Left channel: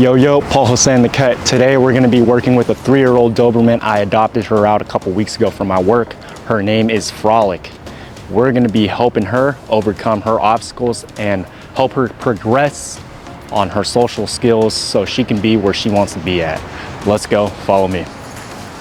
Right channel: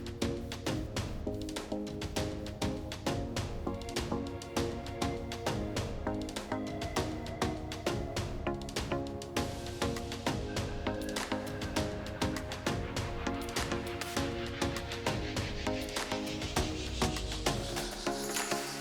Yo, Paul Hossein the Cut. Today we're gonna be working with a 3-year-old Doberman. I adopted her out a couple weeks ago for my work. Her name is Frolic. We're gonna be helping her overcome her obstacles and help her progress on her social skills so she can be where she wants to be at. Let's go, follow me.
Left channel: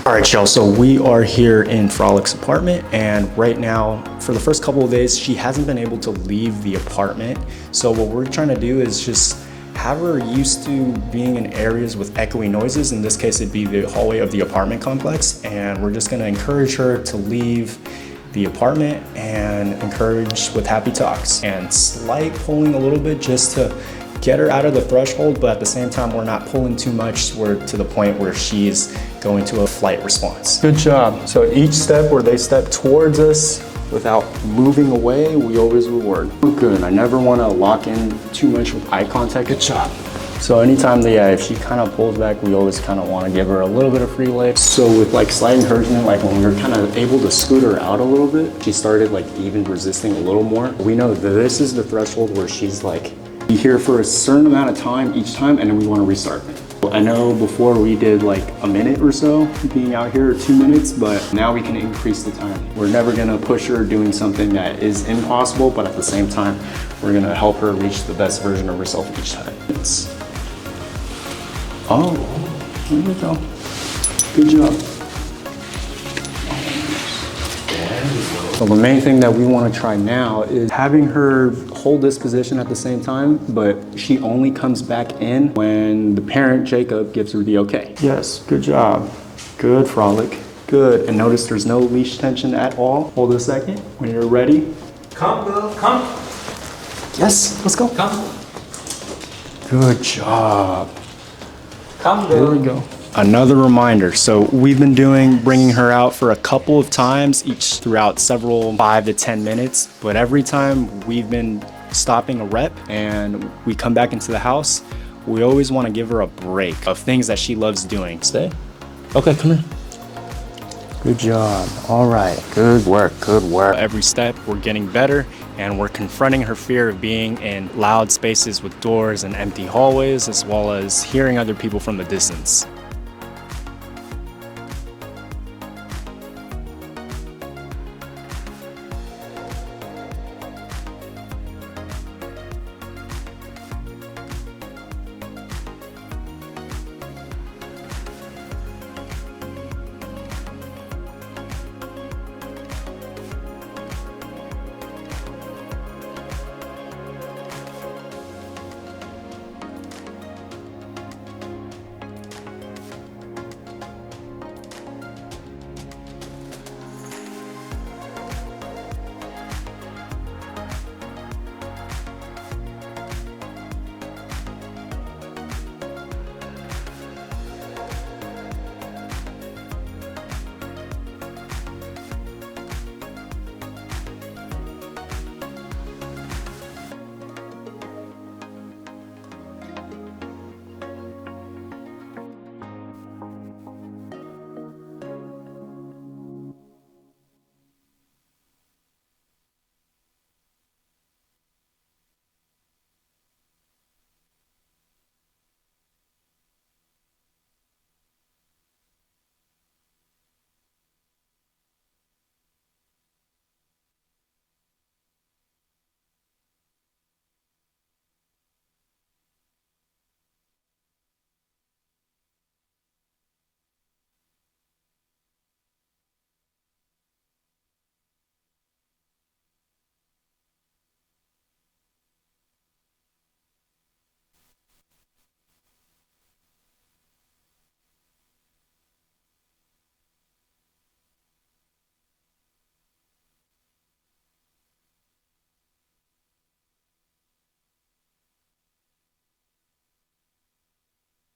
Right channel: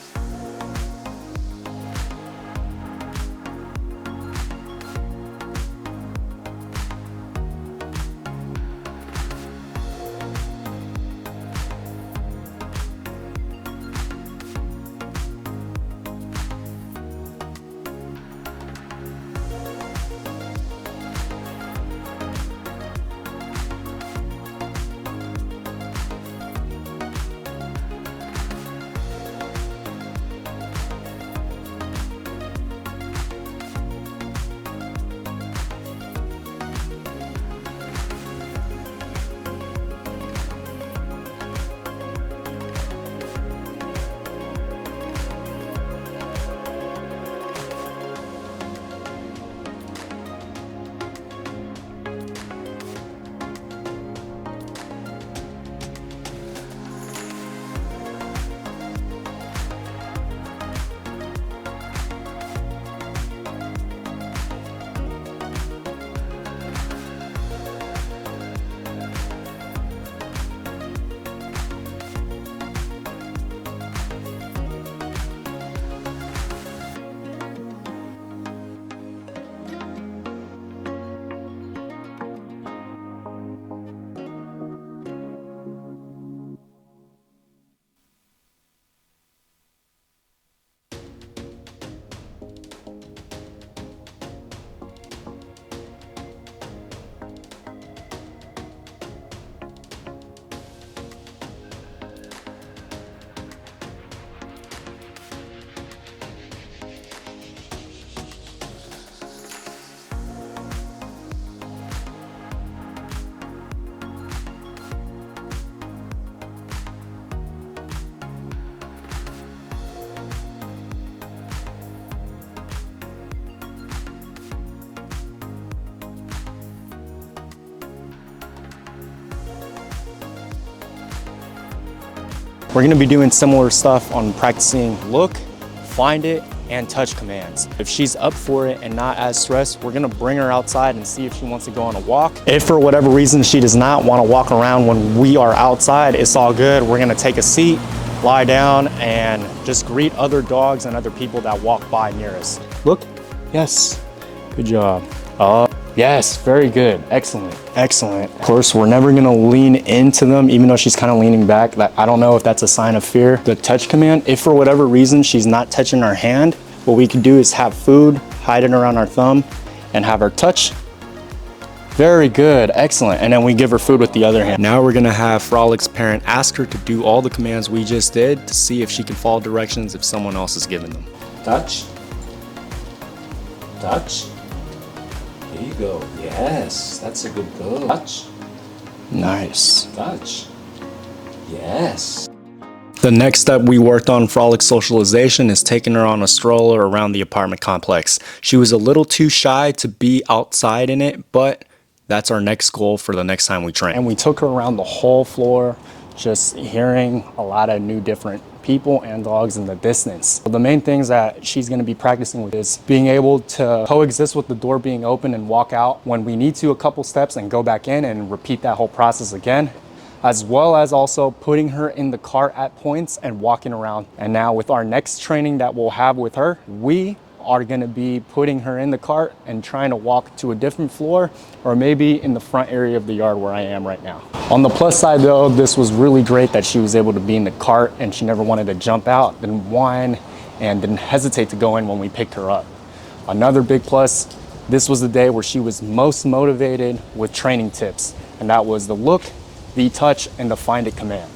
All right, y'all, so we are here in Frolic's apartment, and right now, for the first couple of days, she hasn't been able to leave the apartment. So what we're trying to do is just have her used to being in areas with echoey noises. In this case, it'd be the hallway of the apartment complex, and we're just gonna encourage her to leave the apartment and encourage with happy talks and slight pulling a little bit just to get her out of the threshold, but at the same time, we're not pulling too much to the point where she's going to a flight response. Good job. So each step where they step towards us without moving away, we always reward. Good. I never want to lock in too much with eye contact. Good job. So anytime if she kind of pulls back, we always kind of want to give her a little bit of free legs. So with like slight encouragement, like when we're kind of able to scoot her out a little bit, she started like even resisting a little more. We know that this is the threshold where she's like, be here for a certain amount of time each time, and then we want to restart. I know before we did like a minute or so being out here, or 2 minutes, but now we can increase the time. We're never gonna push her doing something that is impossible, but at the same time, we're gonna help her reach the best version of herself each time. Oh, here we go. Good job. So the main thing that we want to try now is having her hold this position at the same time, but she only comes back in when the parent, Jacob, gives her the okay. Yes, good job. Good, Frolic. Good. And notice there's no leash tension at all. Hold a second. When you're ready. Come, girl, come. Yes, let's go. Come. Good job. Come, girl. Here we go. Another reminder, so we've been bringing her out for a couple of times each throughout several 5 to 10 minutes, but every time we've been stopping a rep and we come back into the house, we always want to give her a break of things that she loves doing. Stay. Okay, come here. Good job. All right, good work, good work. Every step we're getting better, and we're confronting her fear of being in loud spaces with doors and empty hallways, as well as hearing other people from the distance. We're gonna be doing similar stuff on practicing look, find it, and touch commands. If she's up for it and not as stressed, we're gonna bring her outside and see if she wants to go on a walk. If for whatever reason she does not wanna walk around when we are outside, it's all good. We're gonna take a seat, lie down, and just greet other dogs and other people that walk by near us. Look, yes, good job. Yes, very good, excellent, excellent. Of course, we're never gonna lean into them, even though she's kind of leaning back. I don't know if that's a sign of fear. The touch command, if for whatever reason she's not touching our hand, what we can do is have food, hide it around our thumb, and have her touch. Very good, excellent. And then we give her food with the other hand. Now we're gonna have Frolic's parent ask her to do all the commands we just did to see if she can follow directions if someone else is giving them. Touch. Touch. Here you go. Yes, that's a good girl. Touch. Nice. Touch. Yes. The next step we worked on Frolic's socialization is taking her on a stroller around the apartment complex. She was a little too shy to be outside in it, but that's our next goal for the next time we train. And we took her around the whole floor, just hearing a lot of new different people and dogs in the distance. The main things that she's gonna be practicing with is being able to coexist with the door being open and walk out when we need to a couple steps and go back in and repeat that whole process again, as well as also putting her in the cart at points and walking around. And now with our next training that we'll have with her, we are gonna be putting her in the cart and trying to walk to a different floor, or maybe in the front area of the yard where I am right now. On the plus side though, this was really great that she was able to be in the cart and she never wanted to jump out, didn't whine, and didn't hesitate to go in when we picked her up. Another big plus, this was the day where she was most motivated with training tips, and that was the look, the touch, and the find it command.